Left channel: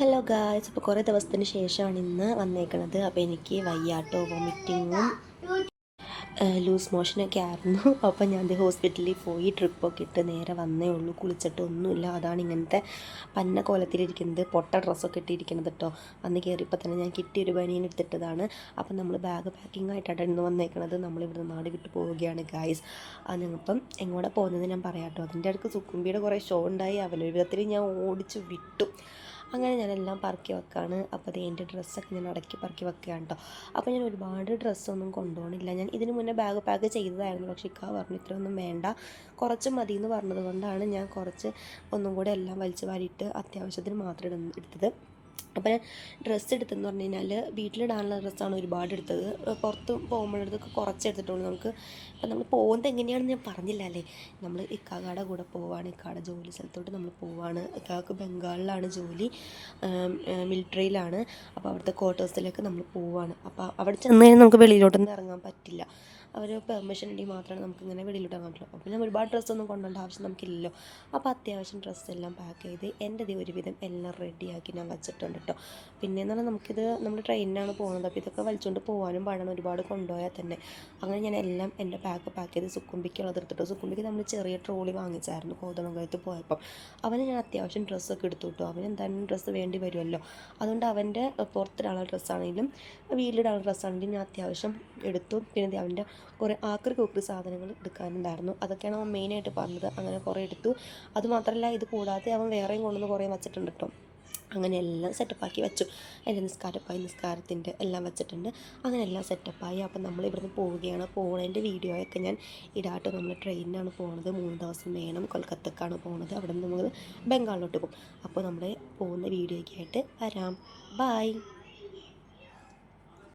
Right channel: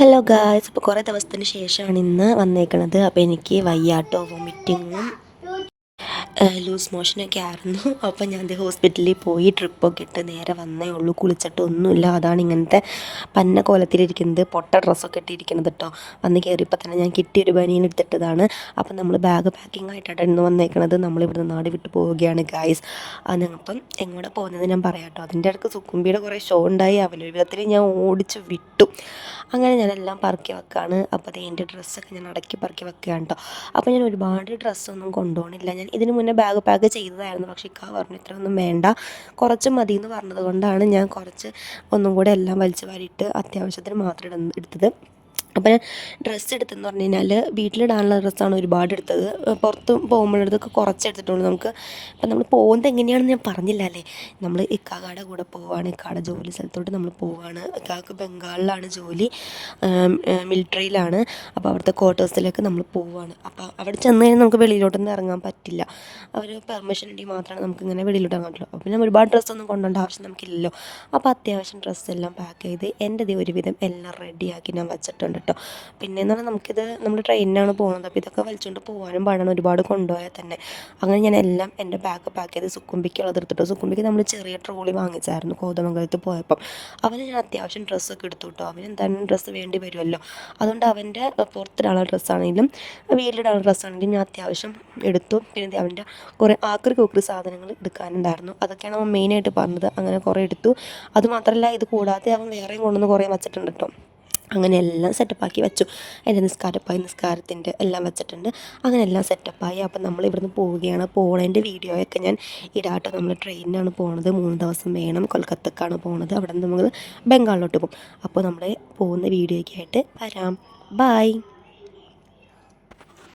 Hello guys, ഇപ്പോൾ കുറേ ദിവസത്തിന് ശേഷമാണ് ഇന്ന് വന്നേക്കണത്. അപ്പോൾ എനിക്ക് വയ്യാട്ടോ, വോമിറ്റിങ്ങും ലൂസ് മോഷനൊക്കെ ആയിരുന്നു. അപ്പോൾ ഞാൻ ഹോസ്പിറ്റലിൽ പോയി ട്രിപ്പൊക്കെ ഇട്ട് നേരെ വന്നേ ഉള്ളൂ. കുളിച്ചിട്ടൊന്നുമില്ല. അതാണ് ഇങ്ങനത്തെ പന്ന കോലത്തിലിരിക്കുന്നത്, പൊട്ട ഡ്രസ്സൊക്കെ ഇട്ടിരിക്കുന്നത് കേട്ടോ. വന്ന് കയറിയപ്പോൾ തന്നെ ഞാൻ കിട്ടിയൊരു ബനിയൻ എടുത്തിട്ടതാണ്. അപ്പം നമ്മൾ ബാഗ് പാക്കിംഗ് ആയിട്ടാണ് ഇന്ന് വന്നേക്കണത്. നമ്മളിവിടുന്ന് നാട് വിട്ട് പോവുകയാണ് ഗായ്സ്. അപ്പം എങ്ങോട്ട് പോകുന്നത് ഞാൻ പറയാം കേട്ടോ. അതിൻ്റെ ഇടയ്ക്ക് സുക്കുംബിയുടെ കുറേ ഷോ ഉണ്ടായി. അവനൊരു വിധത്തിൽ ഞാൻ ഓടിച്ച് വിട്ടു. അങ്ങനെ ഞാനെല്ലാം പറക്കി വെക്കുകയാണ്. അപ്പോൾ അത് എൻ്റെ ഡ്രസ്സൊക്കെ ഞാൻ അടക്കി പറക്കി വെക്കുകയാണ് കേട്ടോ. അപ്പോൾ ഞാൻ ഒരുപാട് ഡ്രസ്സൊന്നും കൊണ്ടുപോകണില്ല. ഞാൻ ഇതിന് മുന്നേ ബാഗ് പാക്ക് ചെയ്തതായിരുന്നു. പക്ഷേ ഇക്ക പറഞ്ഞു ഇത്രയൊന്നും വേണ്ട, കുറച്ച് മതി എന്ന് പറഞ്ഞത് കൊണ്ടാണ് ഞാൻ കുറച്ച് ഒന്നും കൂടെ എല്ലാം വലിച്ചു വാരിയിട്ട് അത്യാവശ്യത്തിന് മാത്രം എടുത്തത്. അപ്പോൾ ഞാൻ ഡ്രസ്സ് എടുത്തെന്ന് പറഞ്ഞു കഴിഞ്ഞാൽ വീട്ടിലിടാനുള്ള ഡ്രസ്സാണ് ഒരുപാട് എടുത്തത്. പുറത്ത് പോകുമ്പോഴതൊക്കെ കുറച്ച് എടുത്തിട്ടുള്ളൂ. നമുക്ക് ഇപ്പം നമ്മൾ പോകുന്നത് എങ്ങനെയാണെന്ന് ഞാൻ പറഞ്ഞില്ല അല്ലേ. നമ്മൾ ഇക്കാക്കയുടെ കൂടെ പോവുകയാണ്. ഇക്കാടെ ജോലി സ്ഥലത്തോട്ട് നമ്മൾ പോവുകയാണ്. ഇക്കാക്ക് ബംഗാളിലാണ് ജോലി, മിലിറ്ററിയിലാണ്. അപ്പോൾ അവിടുത്തെ ക്വാർട്ടേഴ്സിലേക്ക് നമ്മൾ പോവുകയാണ്. അപ്പോൾ അവിടെ ചെന്ന് കഴിഞ്ഞാൽ നമുക്ക് വെളിയിലോട്ടൊന്നും ഇറങ്ങാൻ പറ്റില്ല. അവർ പെർമിഷൻ ഉണ്ടെങ്കിൽ മാത്രമാണ് നമുക്കിങ്ങനെ വെളിയിലോട്ട് ഇറങ്ങാൻ പറ്റുള്ളൂ. അപ്പോൾ ഞാൻ ഒരുപാട് ഡ്രസ്സൊന്നും കൊണ്ടുപോകേണ്ട ആവശ്യം നമുക്കില്ലല്ലോ. അപ്പോൾ അത്യാവശ്യം ഡ്രസ്സെല്ലാം പാക്ക് ചെയ്ത് എൻ്റെ ഒരുവിധം എല്ലാം റെഡിയാക്കി ഞാൻ വെച്ചിട്ടുണ്ട് കേട്ടോ. പിന്നെയെന്ന് പറഞ്ഞാൽ നമുക്കിത് നമ്മൾ ട്രെയിനിനാണ് പോകുന്നത്. അപ്പോൾ ഇതൊക്കെ വലിച്ചുകൊണ്ട് പോകാനും പാടാണ്, ഒരുപാട് കൊണ്ടുപോയാൽ തന്നെ. അങ്ങനെ ഞാൻ എല്ലാം എൻ്റെ ബാഗ് പാക്ക് ചെയ്ത് സുക്കുംബിക്കുള്ളത് എടുത്തിട്ടോ. സുക്കുംബിക്ക് നമ്മൾ ചെറിയ ട്രോളി വാങ്ങിച്ചായിരുന്നു കോതമംഗലത്ത് പോയപ്പം. അവന് ഞാൻ അത്യാവശ്യം ഡ്രസ്സൊക്കെ എടുത്തു കേട്ടോ. അവന് എന്തായാലും ഡ്രസ്സ് വേണ്ടി വരുമല്ലോ. അതുകൊണ്ട് അവൻ്റെ പുറത്തിടാനുള്ള ഡ്രസ്സാണെങ്കിലും വീട്ടിലിടാനുള്ള ഡ്രസ്സാണെങ്കിലും ഞാൻ അത്യാവശ്യം എടുത്തു. പിന്നെ അവൻ്റെ കുറേ ആക്രി കൂക്രി സാധനങ്ങൾ എടുക്കാനുണ്ടായിരുന്നു. അതൊക്കെയാണ് അവൻ മെയിനായിട്ട് പറഞ്ഞത്. അങ്ങനെ കുറേ എടുത്തു. അതുമാത്രമല്ല, ഇത് കൂടാതെ അവൻ വേറെയും കൊണ്ടുവന്ന് കുറേ വച്ചിട്ടുണ്ട് കേട്ടോ. അങ്ങനെ എല്ലാം സെറ്റപ്പാക്കി വെച്ചു. എൻ്റെ നിസ്കാരത്തിൻ്റെ എല്ലാം വെച്ചിട്ടുണ്ട്. അങ്ങനെ എല്ലാം സെറ്റപ്പായി. അപ്പം നമ്മൾ ഇവിടുന്ന് പോവുകയാണ്. പോണതിൻ്റെ വീഡിയോയൊക്കെ ഞാൻ ഇടാട്ടോ. നമ്മൾ ട്രെയിനിനാണ് പോകുന്നത്. 3 ദിവസം വേണം. കൊൽക്കത്തക്കാണ് പോകുന്നത്. അവിടെ നിന്ന് നമ്മൾ ബംഗാളിലോട്ട് പോകും. അപ്പോൾ നമ്മൾ പോകുന്ന വീഡിയോയ്ക്കായിട്ട് വരാം. ബായ്.